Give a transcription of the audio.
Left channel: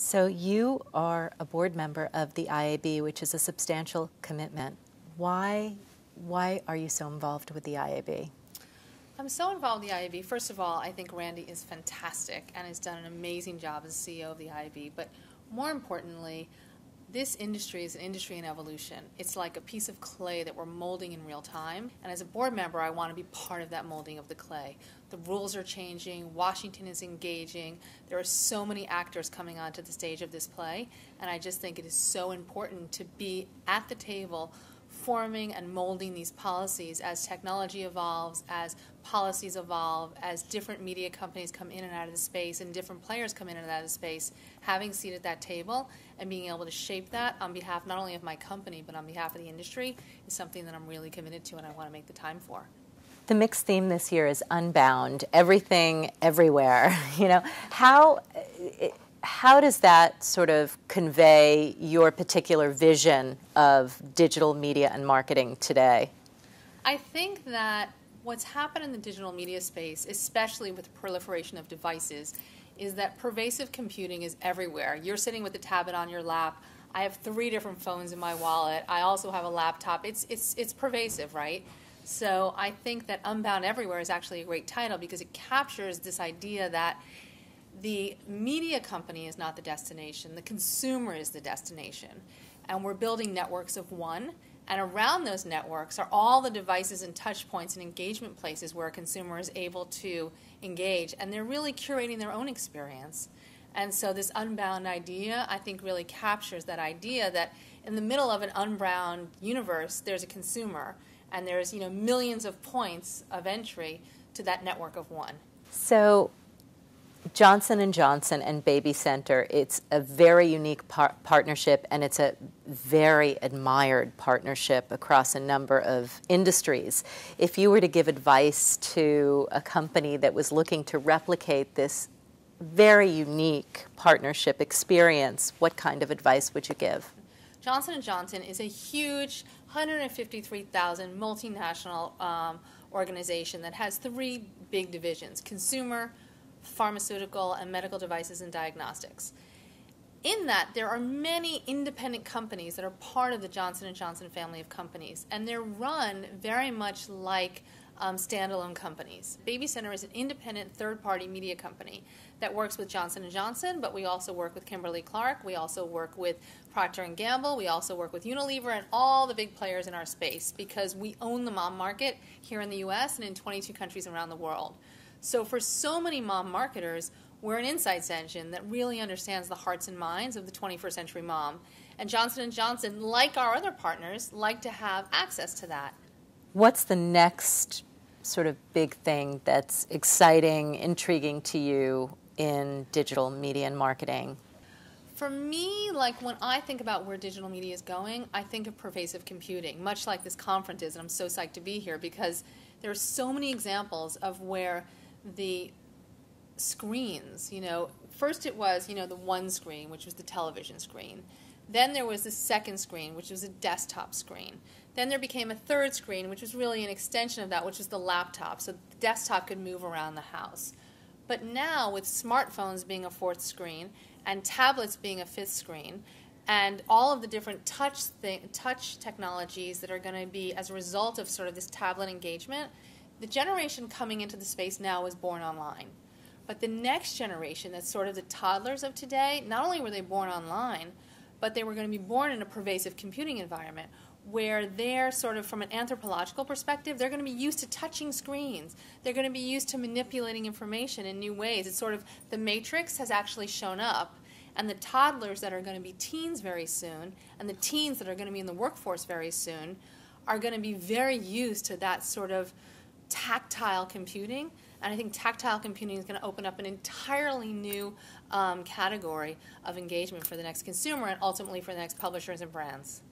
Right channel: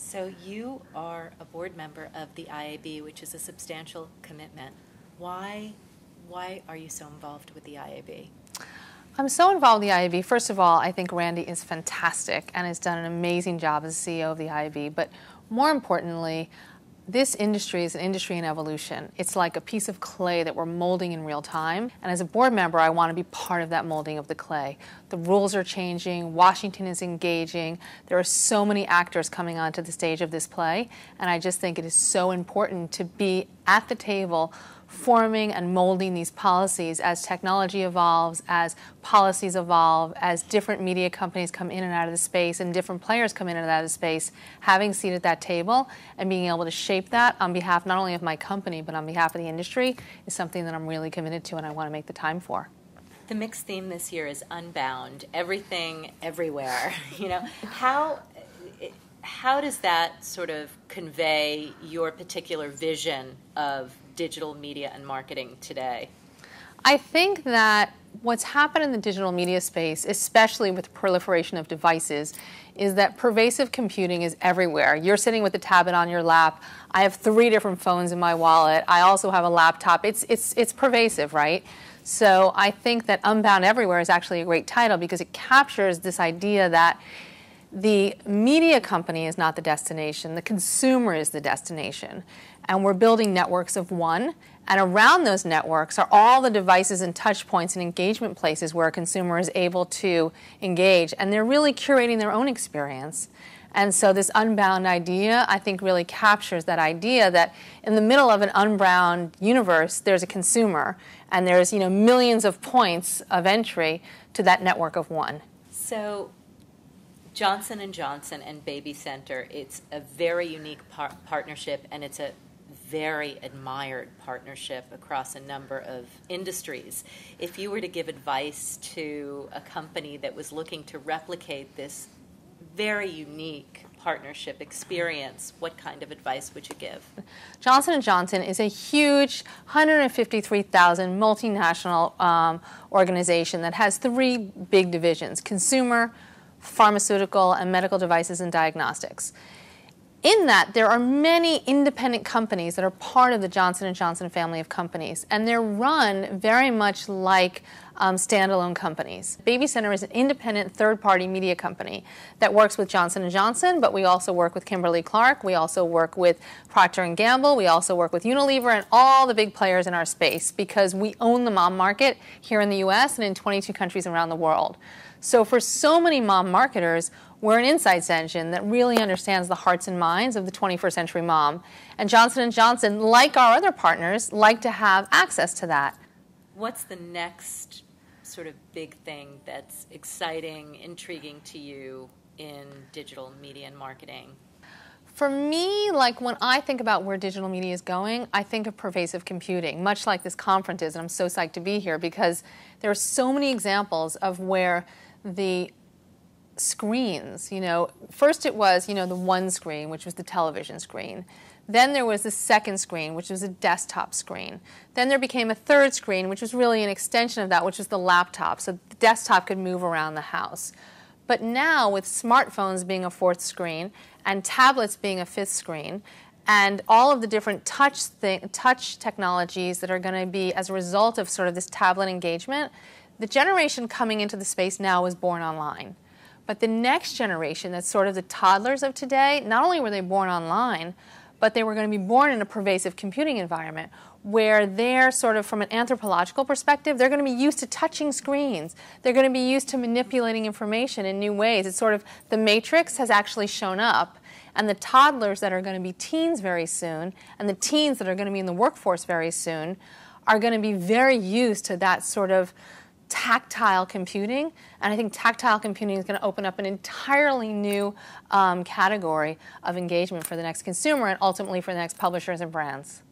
So you are a board member of the IAB, which is a substantial commitment. Why are you so involved with the IAB? I'm so involved with the IAB. First of all, I think Randy is fantastic and has done an amazing job as CEO of the IAB. But more importantly, this industry is an industry in evolution. It's like a piece of clay that we're molding in real time. And as a board member, I want to be part of that molding of the clay. The rules are changing. Washington is engaging. There are so many actors coming onto the stage of this play. And I just think it is so important to be at the table forming and molding these policies as technology evolves, as policies evolve, as different media companies come in and out of the space and different players come in and out of the space, having a seat at that table and being able to shape that on behalf not only of my company but on behalf of the industry is something that I'm really committed to and I want to make the time for. The MIXX theme this year is Unbound, everything, everywhere. How does that sort of convey your particular vision of digital media and marketing today? I think that what's happened in the digital media space, especially with the proliferation of devices, is that pervasive computing is everywhere. You're sitting with a tablet on your lap. I have 3 different phones in my wallet. I also have a laptop. It's pervasive, right? So I think that Unbound Everywhere is actually a great title because it captures this idea that the media company is not the destination, the consumer is the destination. And we're building networks of one, and around those networks are all the devices and touch points and engagement places where a consumer is able to engage, and they're really curating their own experience. And so this Unbound idea, I think, really captures that idea that in the middle of an unbound universe, there's a consumer, and there's millions of points of entry to that network of one. So Johnson & Johnson and BabyCenter, it's a very unique partnership, and it's a very admired partnership across a number of industries. If you were to give advice to a company that was looking to replicate this very unique partnership experience, what kind of advice would you give? Johnson & Johnson is a huge 153,000 multinational organization that has 3 big divisions: consumer, pharmaceutical, and medical devices and diagnostics. In that, there are many independent companies that are part of the Johnson & Johnson family of companies, and they're run very much like standalone companies. BabyCenter is an independent third-party media company that works with Johnson & Johnson, but we also work with Kimberly-Clark, we also work with Procter & Gamble, we also work with Unilever and all the big players in our space because we own the mom market here in the US and in 22 countries around the world. So for so many mom marketers, we're an insights engine that really understands the hearts and minds of the 21st century mom. And Johnson & Johnson, like our other partners, like to have access to that. What's the next sort of big thing that's exciting, intriguing to you in digital media and marketing? For me, like when I think about where digital media is going, I think of pervasive computing, much like this conference is, and I'm so psyched to be here because there are so many examples of where the screens, first it was, the one screen, which was the television screen. Then there was the second screen, which was a desktop screen. Then there became a third screen, which was really an extension of that, which was the laptop, so the desktop could move around the house. But now, with smartphones being a 4th screen and tablets being a 5th screen, and all of the different touch technologies that are going to be as a result of sort of this tablet engagement, the generation coming into the space now was born online. But the next generation, that's sort of the toddlers of today, not only were they born online, but they were going to be born in a pervasive computing environment where they're sort of, from an anthropological perspective, they're going to be used to touching screens. They're going to be used to manipulating information in new ways. It's sort of, the matrix has actually shown up, and the toddlers that are going to be teens very soon, and the teens that are going to be in the workforce very soon, are going to be very used to that sort of tactile computing, and I think tactile computing is going to open up an entirely new category of engagement for the next consumer and ultimately for the next publishers and brands.